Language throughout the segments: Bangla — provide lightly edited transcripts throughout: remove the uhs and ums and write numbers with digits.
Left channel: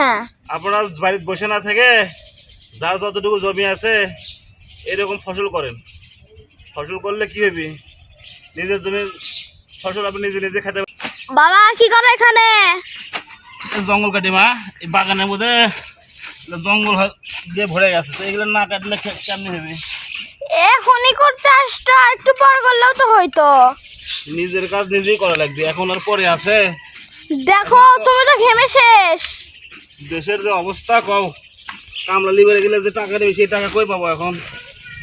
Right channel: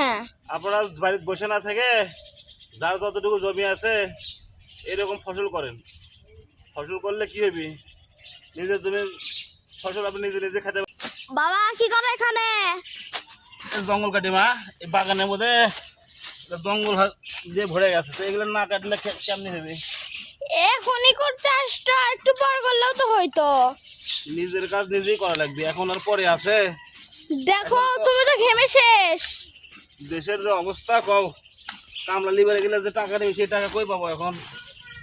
হ্যাঁ, আপনারা বাড়িতে বসে না থেকে যার যতটুকু জমি আছে এরকম ফসল করেন। ফসল করলে কি হবে, নিজের জমির ফসল আপনি নিজে নিজে খেতে। বাবা কি করো এখানে? জঙ্গল কাটি মা, এই বাগানের মধ্যে জঙ্গল দিয়ে ভরে গেছে, তো এগুলো না কাটলে কেমনি হবে? এখনই করতে আসতো, একটু পর করলেও তো হইতো। নিজের কাজ নিজেই করা লাগবে, এখন আর পরে আছে। দেখো তুমি তো ঘেমে শেষ। দেশের যে অবস্থা, কও কামলা লিবারে গেলে যে টাকা দেবে সেই টাকা কই পাবো এখন?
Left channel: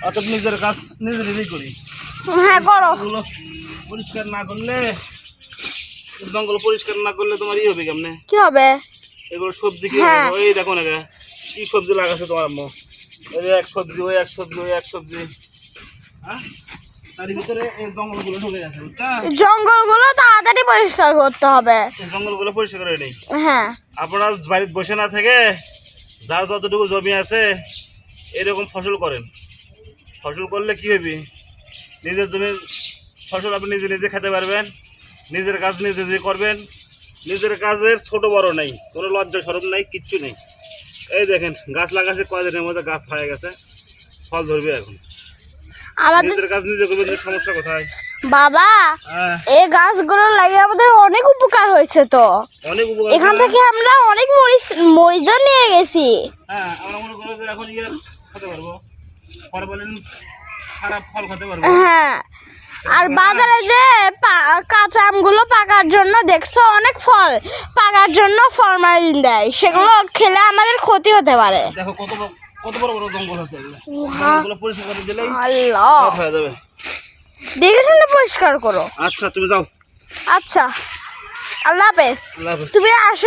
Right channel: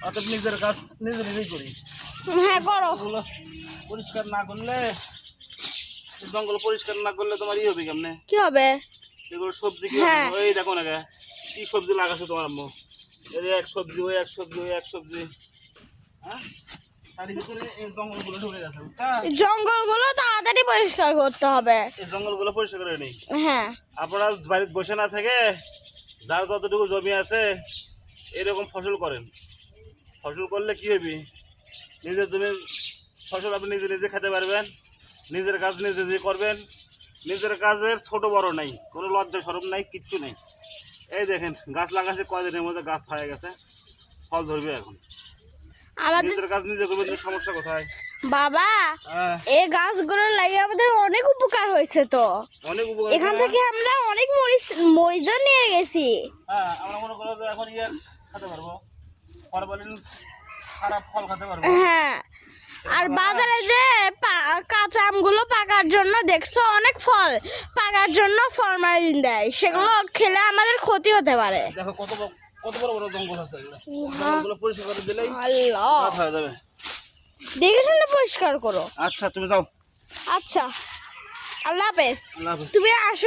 অর্থাৎ নিজের কাজ নিজে নিজেই করি। হ্যাঁ করো। এগুলো পরিষ্কার না করলে, জঙ্গল পরিষ্কার না করলে তোমার ই হবে কেমনে? কি হবে? এগুলো সবজি কি হ্যাঁ। এই দেখো না কি সবজি লাগাচ্ছে তোমার আম্মু, এই যে এক সবজি ওই এক সবজি ওই এক সবজি, হ্যাঁ তার ভিতরে এই জঙ্গলগুলো ঢুকে গেছে, বুঝছো? জঙ্গলগুলো তাড়াতাড়ি পরিষ্কার করতে হবে। এই জঙ্গলগুলো পরিষ্কার করে নেই। হ্যাঁ, আপনারা বাড়িতে বসে না থেকে যার যতটুকু জমি আছে এরকম ফসল করেন। ফসল করলে কি হবে, নিজের জমির ফসল আপনি নিজে নিজে খেতে পারবেন, নিজের কাজ নিজে নিজে করবেন। নিজের কাজের ছোট বড় নাই, কোনো লজ্জা শরম নাই, কিচ্ছু নেই। এই দেখেন গাছ লাগাচ্ছে, কয়দিনের মধ্যে গাছ হয়ে গেছে, ফল ধরবে এখন। আমাদের নিজের কাজ নিজে করবেন, সমস্যা কোথায়? বাবা হ্যাঁ, এই গাছগুলো লাগিয়ে আমাদের অনেক উপকার হয়েছে তো। অনেক উপকার এখান করে। থেকে আমরা অনেক মরিচও নিয়ে গেছি। হ্যাঁ, আমরা মনে করো যে এখন ইয়ে খেতে পারবো, পরে বলেন খারাপ ফল খেতে পারবো। হ্যাঁ, আর বাজারে যে কাঁচা আমগুলো পাকার জন্য দেখছো অনেক ফল পাকার জন্য ফরমালিন দেয়, সেগুলো খেলে আমাদের ক্ষতি হতে পারে। দেখো কত কত বড় বড় জঙ্গল আছে, জঙ্গলগুলো পরিষ্কার করে দিলেই আল্লাহ, সব হয়ে যাবে। দেখে শুনে পরিষ্কার করো। আচ্ছা তুমি যাও। আচ্ছা, আল্লাহ হাফেজ। আল্লাহ হাফেজ। তুমি আসো।